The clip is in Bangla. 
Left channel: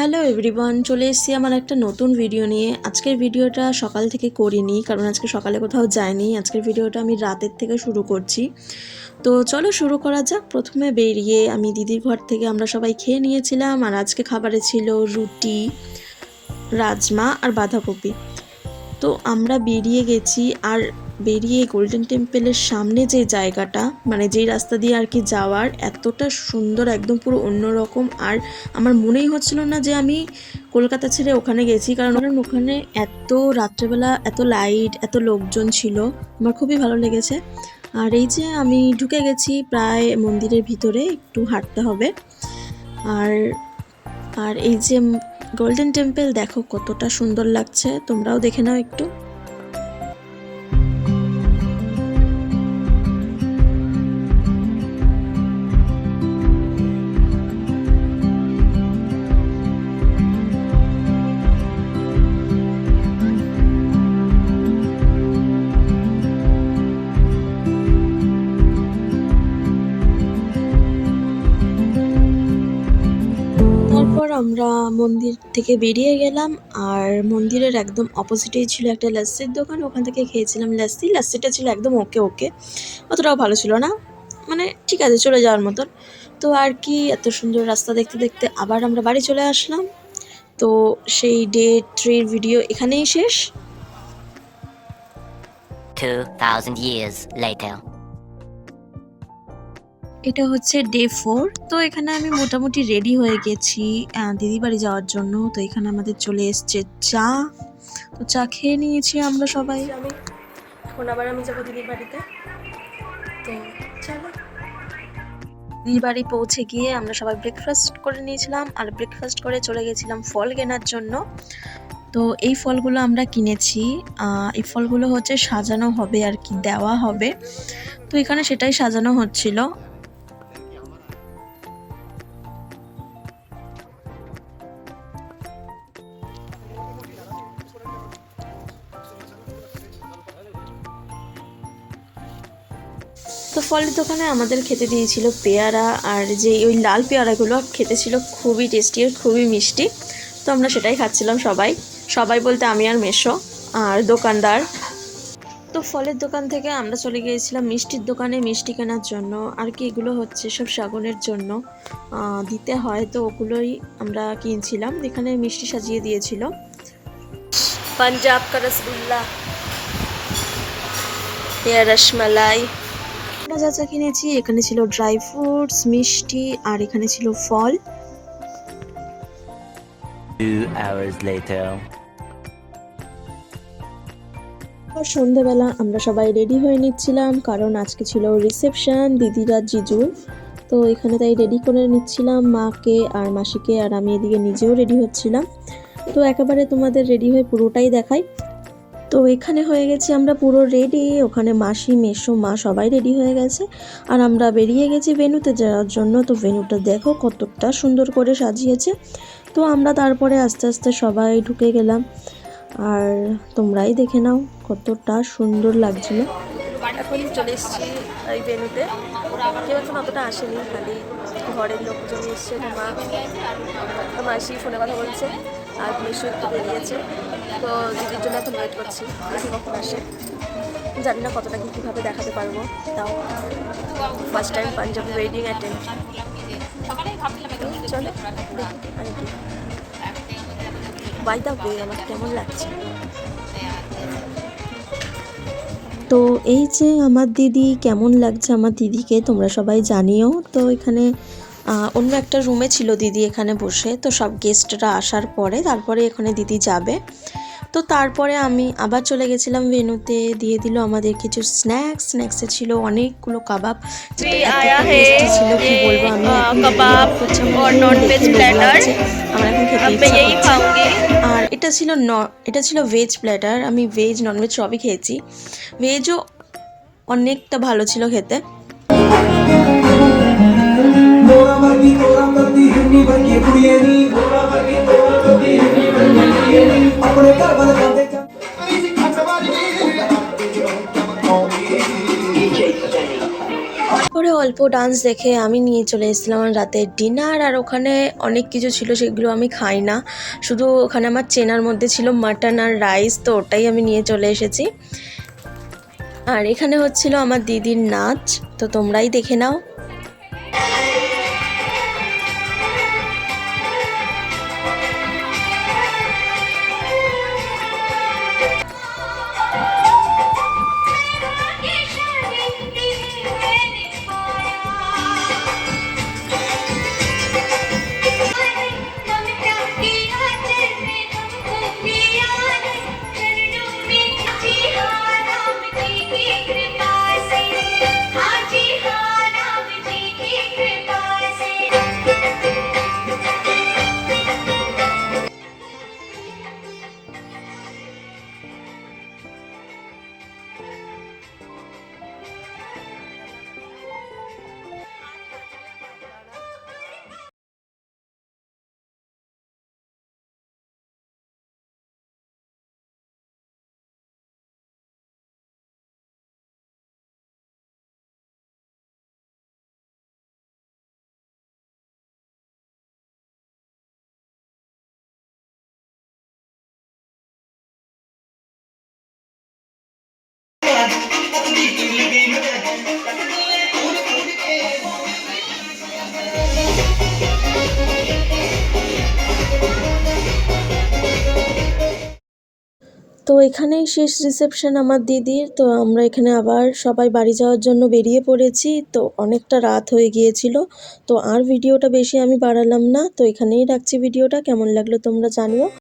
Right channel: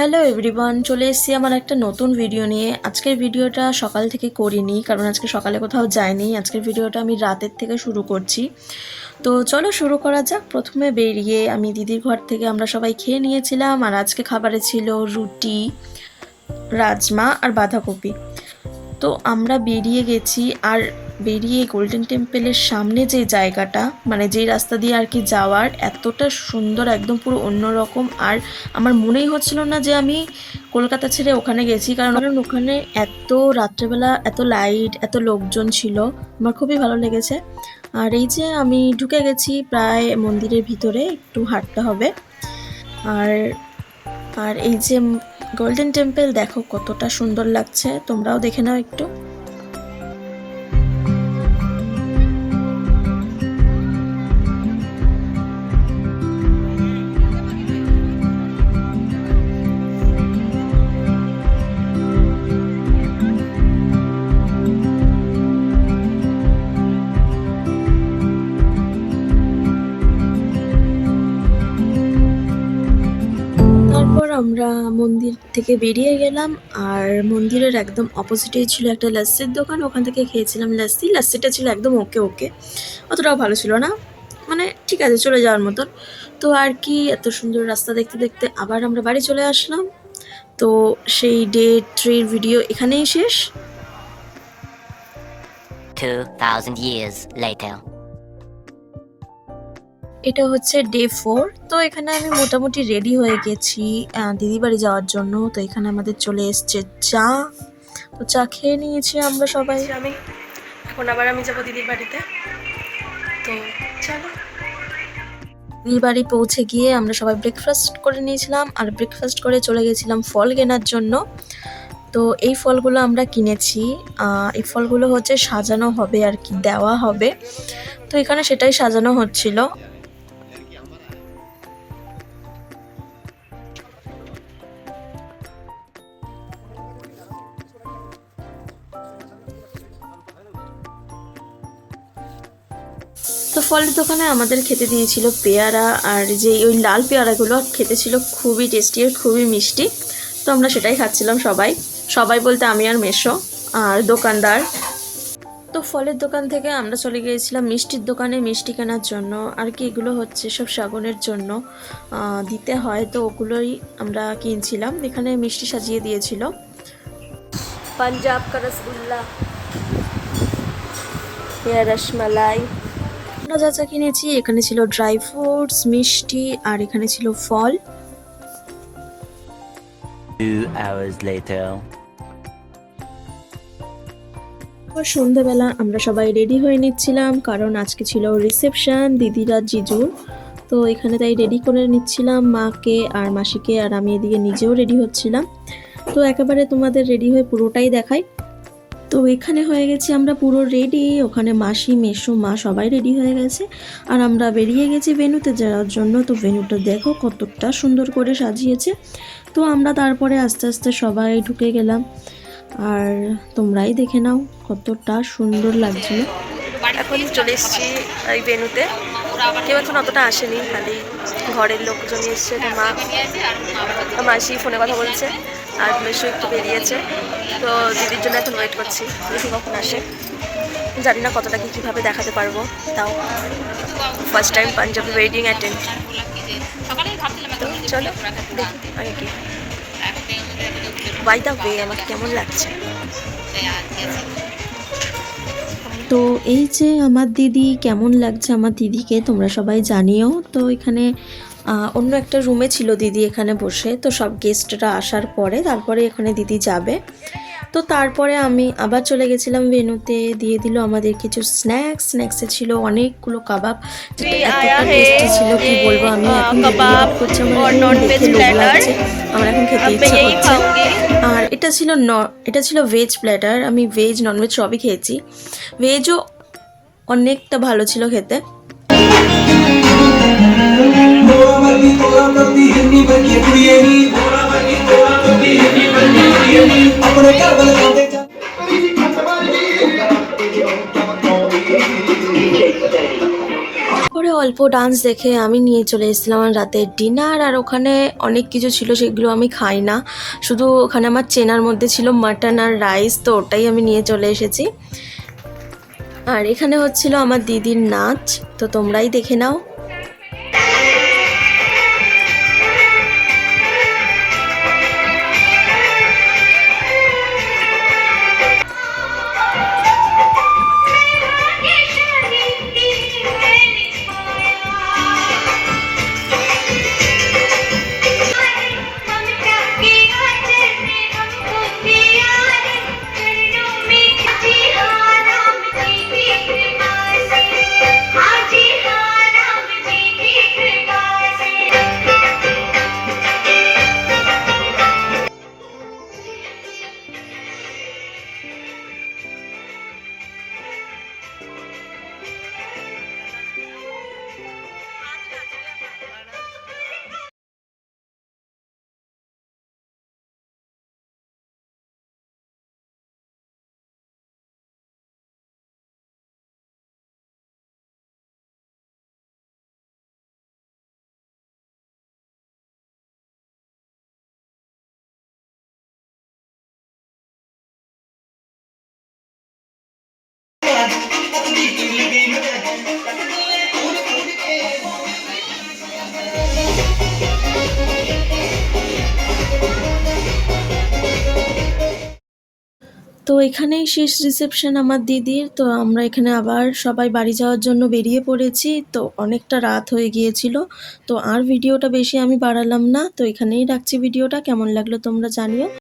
হ্যালো এভরিওয়ান, চলে এসেছি আমার একটা নতুন ভিডিও নিয়ে। আজকের ভিডিওটা সকাল থেকে করিনি, কারণ আজকে সকালে কোথাও যাইনি। আজকের ভিডিওটা আমি রাতের থেকে শুরু করছি। তো চলো শুরু করা যাক। প্রথমে বেরিয়ে আমি দিদির ঘর থেকে আমরা সবাই খেয়ে নিয়েছিলাম, আর আজকে খাবারে ছিল রুটি, রাজমা আর বাঁধাকপি। তো আমরা বেরিয়ে গেছি, আর বেরিয়ে গোল্ডেন টেম্পলের সামনে যে জায়গাটা, মানে যেই রাস্তা দিয়ে আর কি যাওয়ার, এতটা সুন্দর, একদম পুরো অন্যরকম। আর আমার মনেই হচ্ছিল না যে আমি কলকাতা ছেড়ে ওখানে গেছি, কারণ ওখানে এত রাত্রেবেলা এত লাইট, এত লোকজন ছিল, আমার খুবই ভালো লেগেছে। আর এই যে আমি ঢুকে গেছি প্রায় মন্দিরের ভিতরে, একটু হাঁটতে হবে। আর আর এই যে গোল্ডেন টেম্পল দেখো কতটা সুন্দর লাগছে, তোমরাও দেখে নাও একটু। আমরা মন্দির থেকে বেরিয়ে গেলাম, আর মন্দিরের একদম অপোজিটেই ছিল একটা লাস্সির দোকান। ওখান থেকে খেয়েছিলাম লাস্সি। লাস্সিটা ছিল একদম ওকে ওকে, অতটাও ভালো ছিল না, মানে ঠিক আছে চলে যাওয়ার মতন। তো আর কি, এত সুন্দর রাস্তা দেখতে দেখতে আবার আমরা বাড়ি চলে আসলাম। তো সেই ডে 3 ভিডিও এখানেই শেষ। 2000 years later. এটা হচ্ছে ডে 4। তো এখানে আমি মোটামুটি রেডি হয়ে গেছি দিদি বাড়ি যাওয়ার জন্য। তো এখানে আমাদের চলে এসছে চা, তো চা খেয়ে নিয়েছি আমরা সবাই। আমি এখন আবার যাবো দিদির বাড়িতে। তো চলো, দিদির বাড়ি পৌঁছে গিয়ে আমরা সবাই ব্রেকফাস্ট করে নিয়েছিলাম, আর ব্রেকফাস্ট করে চলে গেছিলাম ফল কেনার জন্য। তো এই ফলগুলো আমরা কিনেছি। এই ফলগুলো হচ্ছে সাজানো হবে আর কি, দেওয়া হবে। তো এখানে সেটাই সাজানো হচ্ছিল। তো ফলের দোকানে আমাদের খেতে দিয়েছিল পেয়ারা, আর যে ওই লাল পেয়ারাগুলো খেতে ছিল খুবই টেস্টি আর খুবই মিষ্টি। তো আমরা সেটাই খাচ্ছিলাম সবাই, সবাই বলতে আমি আর মেশো আর দোকানদার। তো ফলের দোকান থেকে আমরা চলে গিয়েছিলাম মিষ্টির দোকানে মিষ্টি কেনার জন্য। আর কি, এগুলো হচ্ছে সব শ্রাবণের জন্য দিতে হয়, তো ওগুলোই আমরা কিনছিলাম। এখানে মিষ্টি সাজিয়ে দিয়েছিল। পাঞ্জাব কা রসগোল্লা, রসমালাই। আমরা যা যা কিনেছি, এখানে ছিল ড্রাই ফ্রুটস, মিষ্টি, আর এখানে ছিল ফল। 2 hours later. সন্ধ্যাবেলা আমরা সবাই রেডি হয়ে নিচ্ছিলাম, কারণ আজকে ছিল রিসেপশন দিদিরা জিজু। তো এখানে তাই রেডি করে নিচ্ছিলাম মাকে আর মাসিকে, আর আমি এদিকে নিজেও রেডি হচ্ছিলাম। তো একেবারে তোমাদের রেডি হয়ে পুরোটাই দেখাই। তো এখানে হয়ে গেছি আমরা পুরো রেডি, ওখানে মাসি মেসো মা সবাই রেডি হয়ে গেছে, আর আমরা বেরিয়ে গেছি ভেন্যুতে যাওয়ার জন্য। তো ভেন্যুটা দেখো কতটা সুন্দর করে সাজিয়েছে। তো আমরা তারপরে আস্তে আস্তে সবাই ঢুকে গেলাম, আর তোমরাই দেখে নাও কতটা সুন্দর লাগছিল। এখন চলে এসেছি এই ভেন্যুতে। কেউ এখন অতটা আসেনি, খালি ঘরের লোকজন এসছে। তো মাসি ফোনে কথা বলছে, আর মেসো একটু বেরিয়েছে। তো দিদির জন্য এখন ওয়েট করছি, দেখি কখন আসে। জানি না কতটা কীভাবে দেখাতে পারবো, তাও first time Punjabi wedding attend. তো চলো দেখি আগে কি। বাই দ্য ওয়ে, আমাকে কেমন লাগছে। তো এই যে আমার দিদি, কেমন লাগছে আমার দিদিকে তোমরা সবাই জানিও। তো এখানে অন্য একটা রুমে ছিল দিদি এখানে বসে। তো সব গেস্টরা আসার পরে তারপরে এখানে দিদি যাবে। তো তারপরে আমি আবার চলে গেছিলাম ভেন্যুতে, দিয়ে দিল আমাদের কিছু স্ন্যাক্সে ছিল অনেকগুলো কাবাব। आया है ये कबाब और नॉन-वेज प्लेटर। अब मैं यही खाऊंगी। আর এটা ছিল ভেজ প্ল্যাটার। আমি ভেজ ননভেজ সবই খেয়েছি, ভেজও অনেকটা ভালো ছিল খেতে। পরে অল্প ডান্স দেখে আমি নিয়ে চলে এসেছিলাম আমার রাতের ডিনার। আর ওখানে অনেক কিছু ছিল, সেগুলো আমি খাই না, শুধু ওখানে আমার চেনার মধ্যে ছিল মাটন আর রাইস, তো ওটাই আমি নিয়ে চলে এসেছি। আর এখানে হচ্ছিল আমার দিদির নাচ, তো তোমরাই দেখে নাও। তো এখানেই শেষ রিসেপশন আমার দিদির। তো আমরা এখানে আবার সবাই বাড়ি যাওয়ার জন্য বেরিয়ে পড়েছি। তো অনেকটা রাত হয়ে গিয়েছিল, তো আর ভিডিওটা বেশি আমি বাড়ালাম না, তো এখানেই রাখছি ভিডিওটা। কেমন লাগলো তোমরা জানিও।